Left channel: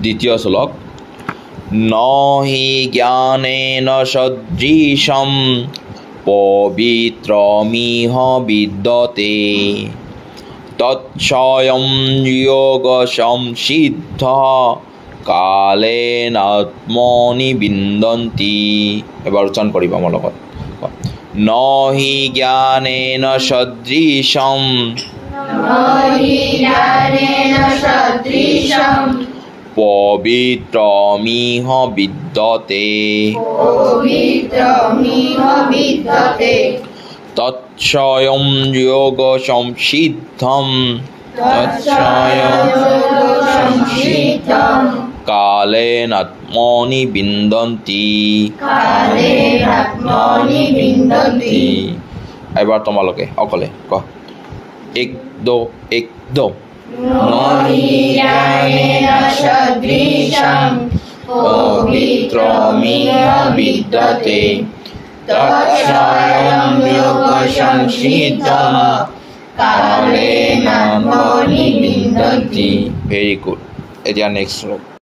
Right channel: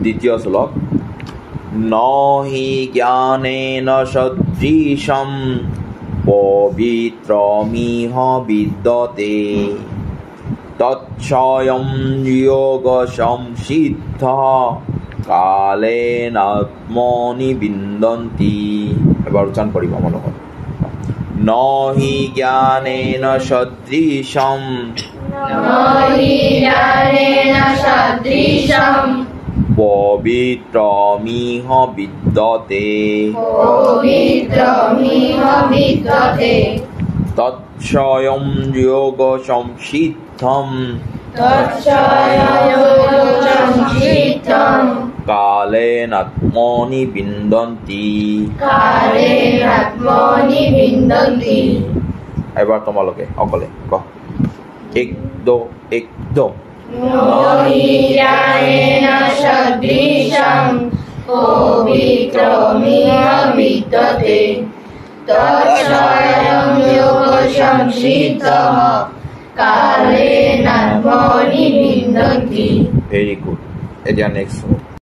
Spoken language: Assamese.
দ্বিতীয় শ্লোক নহি জ্ঞানেন সদৃশম পবিত্ৰমিহ বিদ্যতে তৎস্বয়ং যোগ সংসিদ্ধ কালেন আত্মনি বিন্দন্তি এবাৰ উচ্চাৰণ কৰিব আমাৰ লগত নহি জ্ঞানেন সদৃশম পবিত্ৰমিহ বিদ্যতে তৎস্বয়ং যোগ সংসিদ্ধম কালেন আত্মনি বিন্দন্তি এবাৰ তোমালোকে অকলে ক এক দো পবিত্রমিহ বিদ্যতে তৎস্বয়ং যোগ সংসিদ্ধম কালেন আত্মনি বিন্দন্তি ভেরি গুড এতিয়া নেক্সট